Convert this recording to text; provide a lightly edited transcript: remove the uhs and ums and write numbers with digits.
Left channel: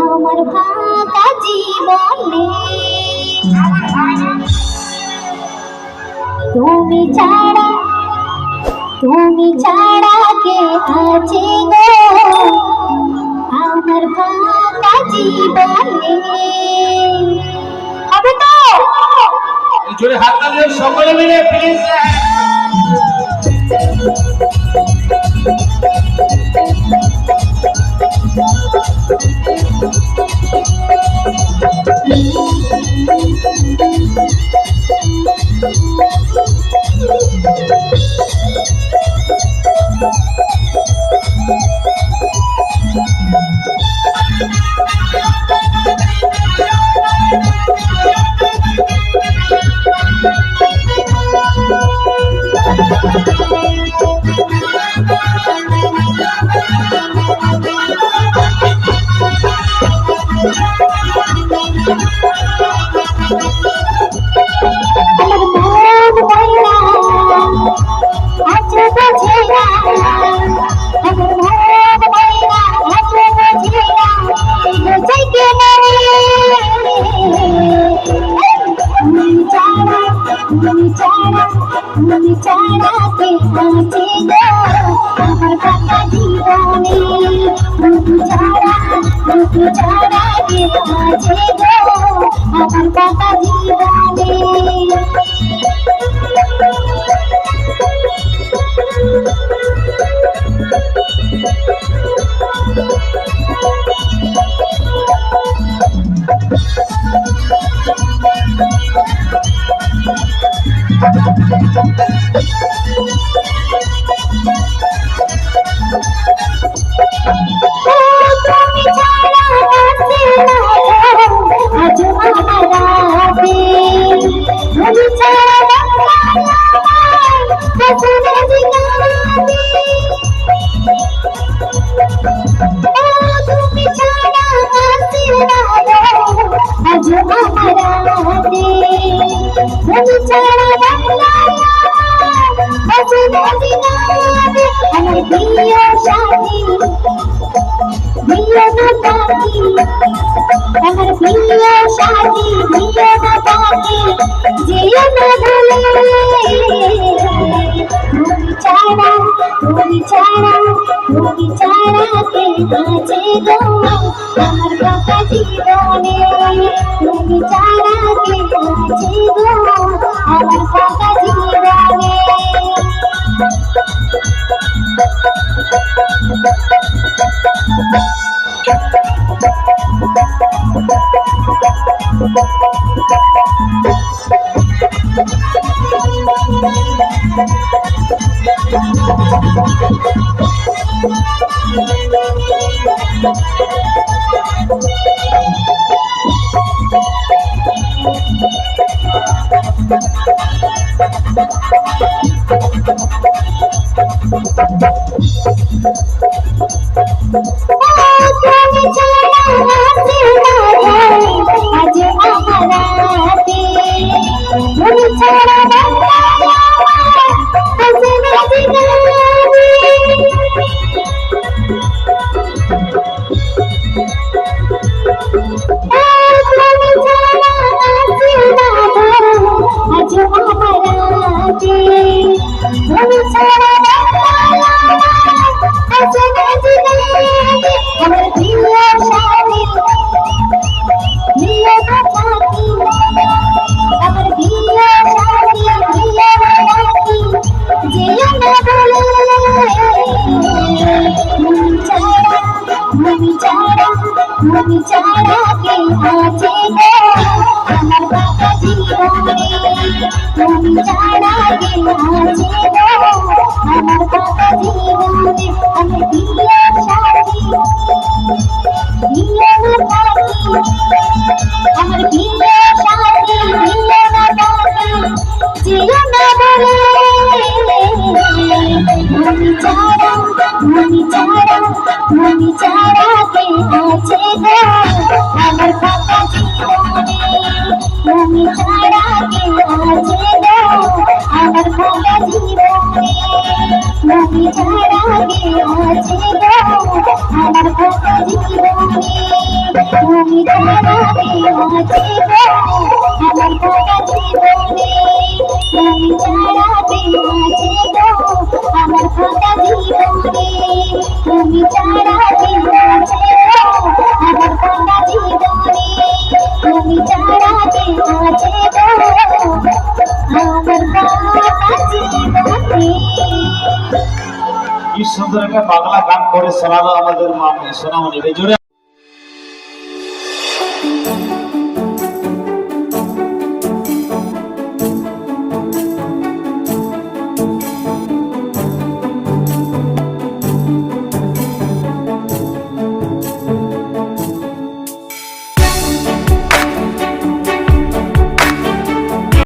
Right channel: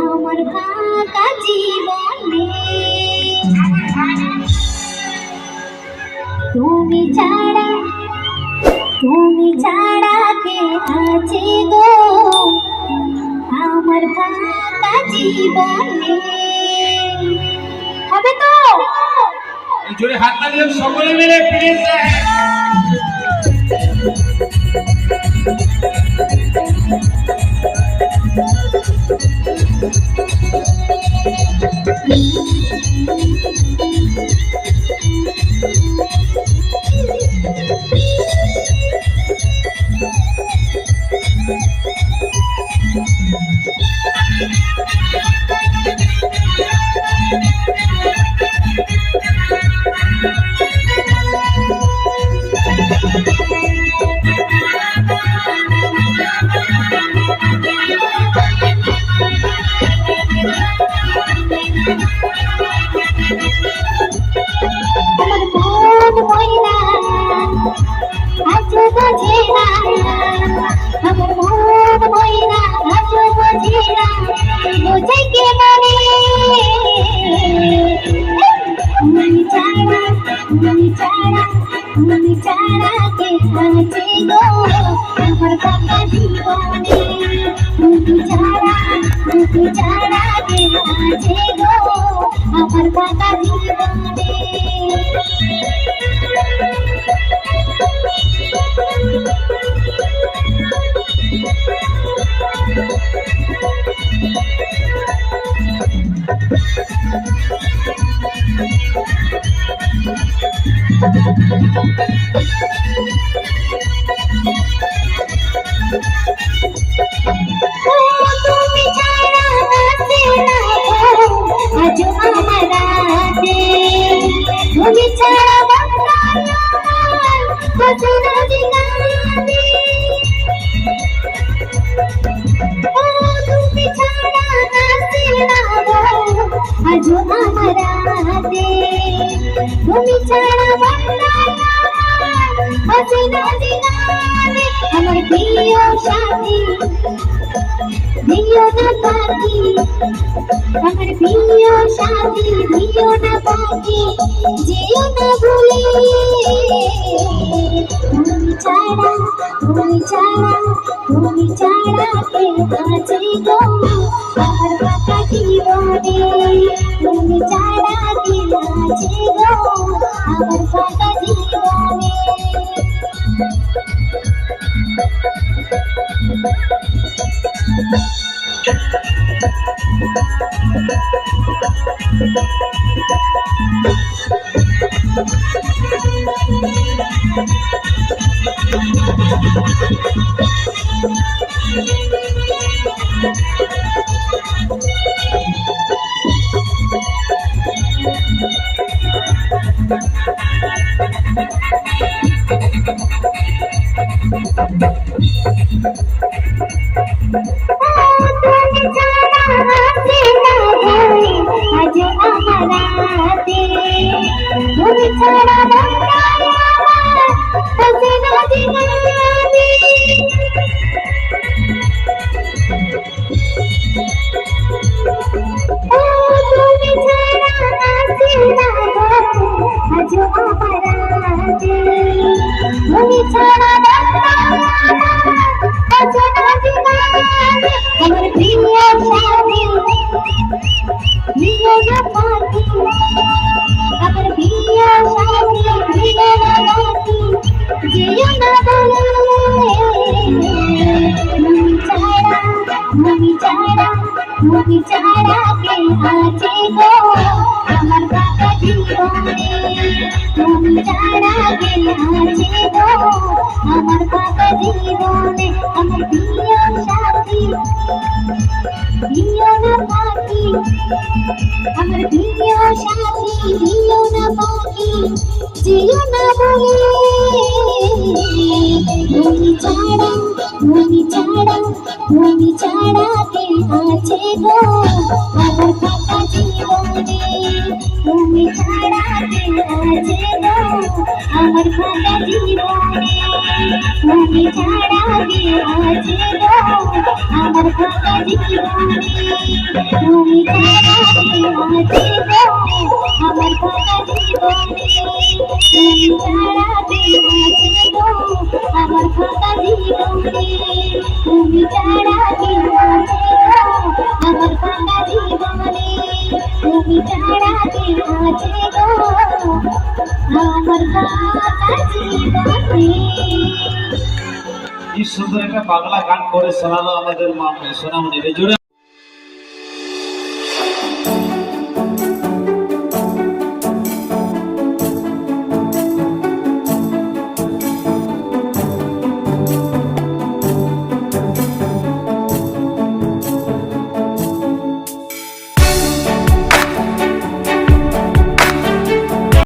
আমার ফাঁকা জীবনে তুমি ছাড়া কে আছে গো আমার ফাঁকা জীবনে। হবে তো জোরে হাত তালি সকলে মিলে প্লিজ। তুমি ছাড়া কে আছে গো আমার ফাঁকা জীবনে। তুমি ছাড়া কে আছে গো আমার ফাঁকা জীবনে। আমার প্রিয় সাথী দিও না পাখি, আমার প্রিয় সাথী দিও না পাখি, যেও না ভুলে। তুমি ছাড়া কে আছে গো আমার ফাঁকা জীবনে। তুমি ছাড়া কে আছে গো আমার ফাঁকা জীবনে। তুমি ছাড়া কে আছে গো আমার ফাঁকা জীবনে। তুমি ছাড়া কে আছে গো আমার ফাঁকা জীবনে। আমার প্রিয় সাথী দিও না পাখি, আমার প্রিয় সাথী দিও না পাখি, যেও না বলে। তুমি ছাড়া কে আছে গো আমার ফাঁকা জীবনে। আমার ফাঁকা জীবনে তুমি ছাড়া কেউ আছে গো আমার ফাঁকা জীবনে তুমি ছাড়া কেউ আছে গো আমার ফাঁকা জীবনে তুমি ছাড়া কেউ আছে গো আমার ফাঁকা জীবনে। কি সুন্দর একটা বাংলা গান করে শোনালো আমাদের মা সোনামণি। জোরে